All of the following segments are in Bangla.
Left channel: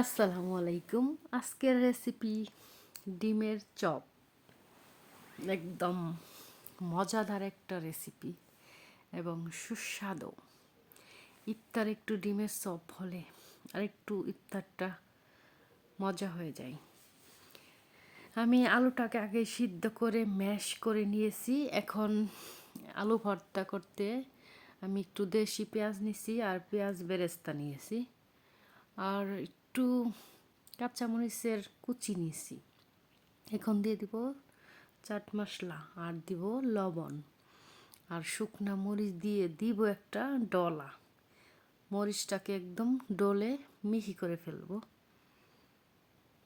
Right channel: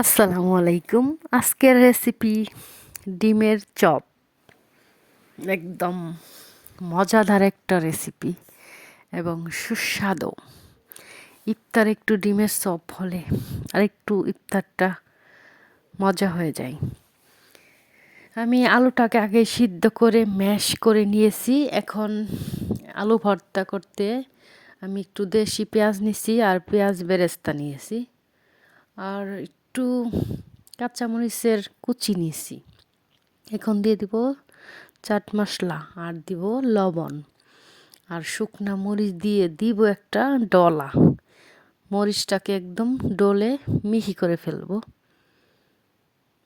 আসসালামু আলাইকুম। আজকের রেসিপি ডিমের চপ। একদম মজাদার একটা রেসিপি এবং সুস্বাদু। ইফতার একটু ডিমের চপ হলে আর একটু ইফতারটা মজা হয়ে যায়। আমি আলুটাকে আগে সিদ্ধ করে ম্যাশ করে নিয়েছি। এখন আলু ভর্তা করতে আমি একটু দেশি পেঁয়াজ নিয়েছি আর পেঁয়াজ বেরেস্তা নিয়েছি। আর একটু কাঁচামরিচের কুচি নিয়েছি। এখন দিয়ে দিব চাট মশলা আর দিব লবণ। আর শুকনা মরিচ দিয়ে দিব একটা ডলা। মরিচটাকে একদম ডলে মিহি করে ফেলব।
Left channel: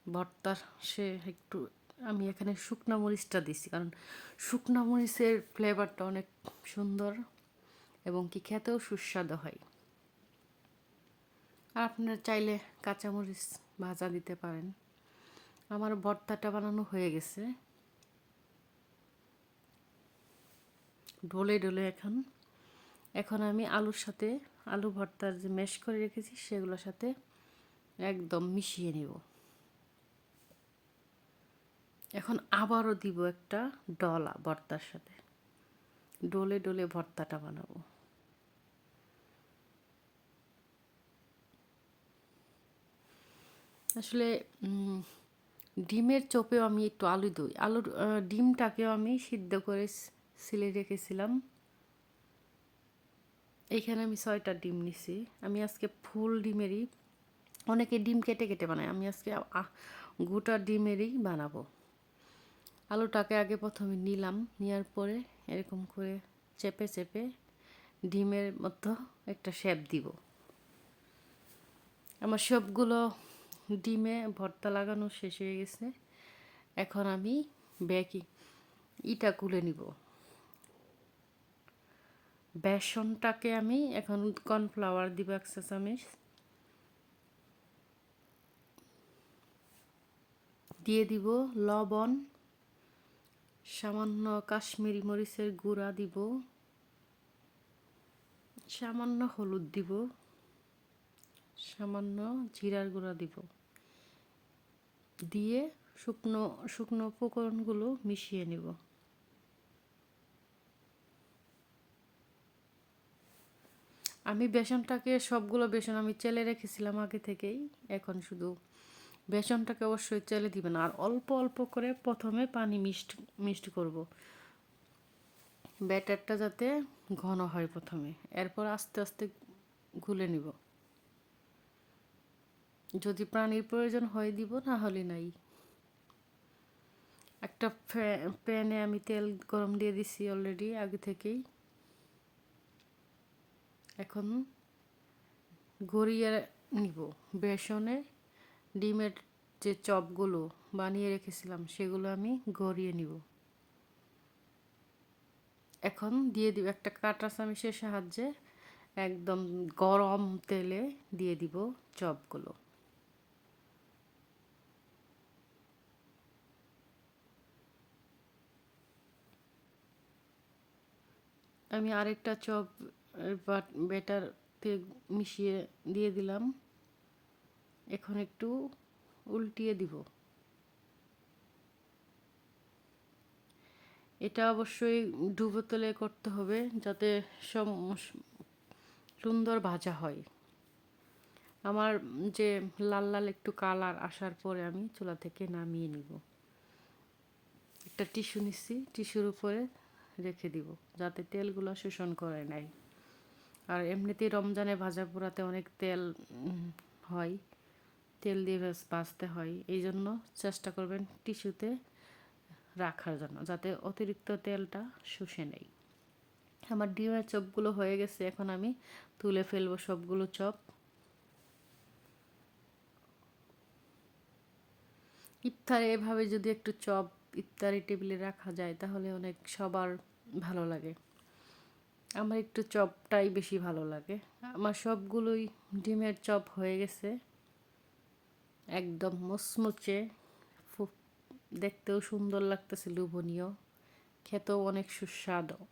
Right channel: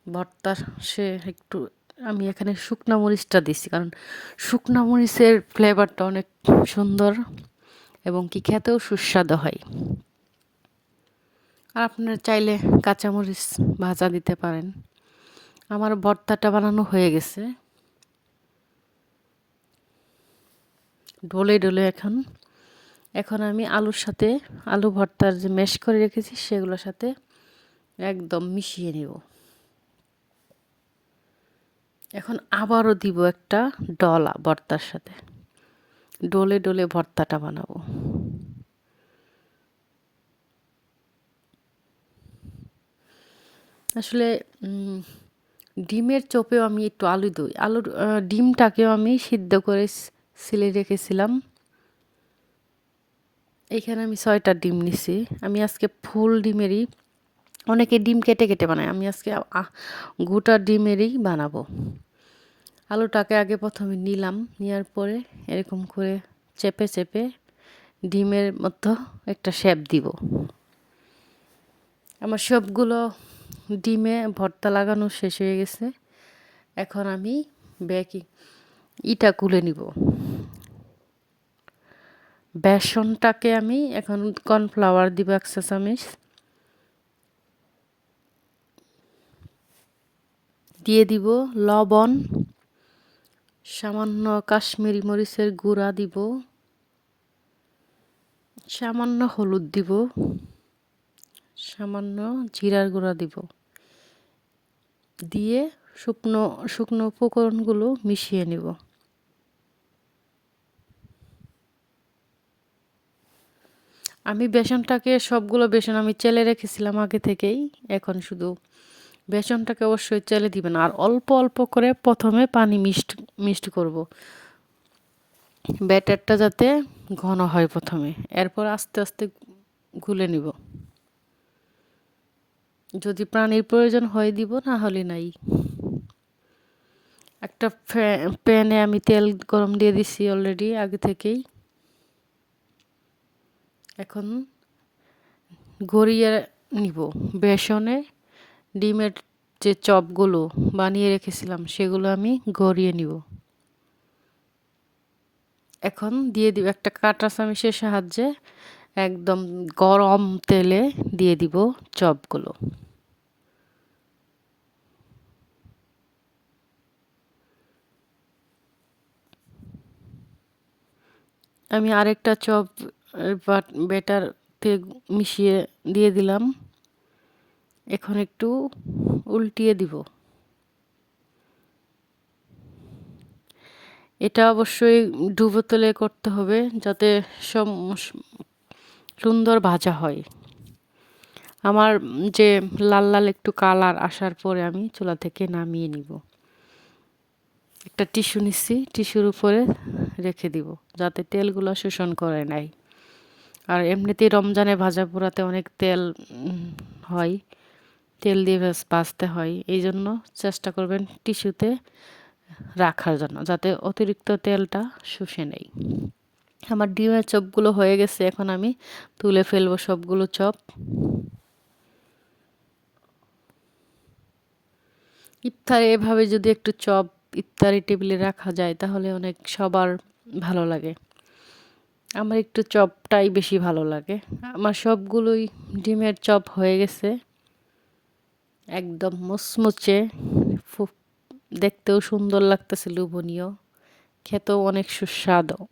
ভর্তা সে একটু আমি এখানে শুকনা মরিচটা দিছি কারণ শুকনা মরিচের ফ্লেভারটা অনেক সুন্দর এবং কি খেতেও সুস্বাদু হয়। আর আপনারা চাইলে কাঁচামরিচ ভাজা দিতে পারেন। আমার ভর্তাটা বানানো হয়ে গেছে। ডলে ডলে এখন। এখন আমি আলুর সাথে আলু ভর্তার যে মেশ করে রেখেছি, সেগুলোর সাথে একদম মিশিয়ে নেব। এখন আবারও দিব একটা ডলা ভর্তার সাথে। ডলে ডলে ভর্তাটা বানাবো। আসলে ডিমের চোপেও আমি একটু আলু দিই। আলুর ডিমটাকেও আমি সিদ্ধ করে সিলে রেখেছিলাম। এখানে আমি ছয়টা ডিম নিছি। আমি আজকে ফুল ডিমেরই, অনেকে ডিম কেটে কেটে বানায়, আমি আজকে গোটা ডিমেরই বানাবো। আলুটাকে আগে প্রথমে নিলাম, নেওয়ার পরে এরকম করে চেপে চেপে ডিমের মতো একটা শেপ দিব। আমার সবগুলো ডিমে ভর্তা লাগানো শেষ হয়ে গেছে। এখন আমি ব্যাকি ইটা কুলে নিব। বেসনটাকে আমি এখন কর্নফ্লাওয়ার দিব একশো চামিচ। দিয়ে দিব লবণ, সামান্য কাশ্মীরি মরিচের গুঁড়া দিব, সামান্য হলুদ দিব। সামান্য জিরার গুঁড়া দিব। দিয়ে শুকনো শুকনো উপকরণগুলো মিশিয়ে নিব। আমি বেসনটাকে সবগুলো বেসন আমি চেলে রেখেছিলাম আগে থেকেই, এখন শুধু বেসনটাকে অবশ্যই চেলে দিবেন। আর অল্প অল্প করে প্রথমে পানি মিষ্ট মিষ্ট করব। ব্যাটারটা যাতে ঘন হয় প্রথমে। এরপর আস্তে আস্তে গুলে নিব। যদি প্রাণীর প্রয়োজন হয় দিব, না হলে নাই। একটা প্যানে আমি তেল গরম দিয়ে দিছি অলরেডি আগে থেকেই। এখন গড়িয়ে নিব। বেসনে ডিমের যে চপগুলো বানিয়ে রেখেছিলাম, সেগুলো আমি গড়িয়ে নিব। এখন দিয়ে দিব, একটা কাঁটা চামিচের সাহায্যে একদম গরম তেলে দিয়ে দিব চপগুলো। আমি আরেকটা চপ বেটারতে মিশিয়ে দিয়ে দিলাম। এখন একটু উল্টিয়ে দিব। এটা অবশ্যই ডুবো তেলে করতে হবে যাতে সব সুন্দর ভাজা হয়। আমার যে লাল লাল একটু কালার আসার পরে আমি চুলা থেকে নামিয়ে নিব। একটা টিস্যু নিচ্ছি, টিস্যুর উপরে রেখে দিব, যাতে তেলগুলো শোষণ করে নেয় আর এমনিতেই রমজানে ভাজা পোড়াতে অনেক তেল হয়, তেল দিয়ে ভাজতে হয়। এই জন্য চেষ্টা করবেন টিস্যুতে রাখার জন্য, যাতে অতিরিক্ত তেলটা শুষে নেই। আমার ডিমের চপগুলো হয়ে গেছে, এখন আমি তুলে ফেলব সবগুলো চপ। ইফতারে এভাবে যদি একটু চপ ইফতারি টেবিলে রাখা যায়, তাহলে অনেক সবার ভালো লাগে। আমার একটু চপটাই বেশি ভালো লাগে। আমার সবগুলোই ডিমের চপ হয়ে গেছে। একদম মুচমুচে। দেখতেও সুন্দর লাগতেছে, লোভনীয়। খেতেও অনেক সুস্বাদু।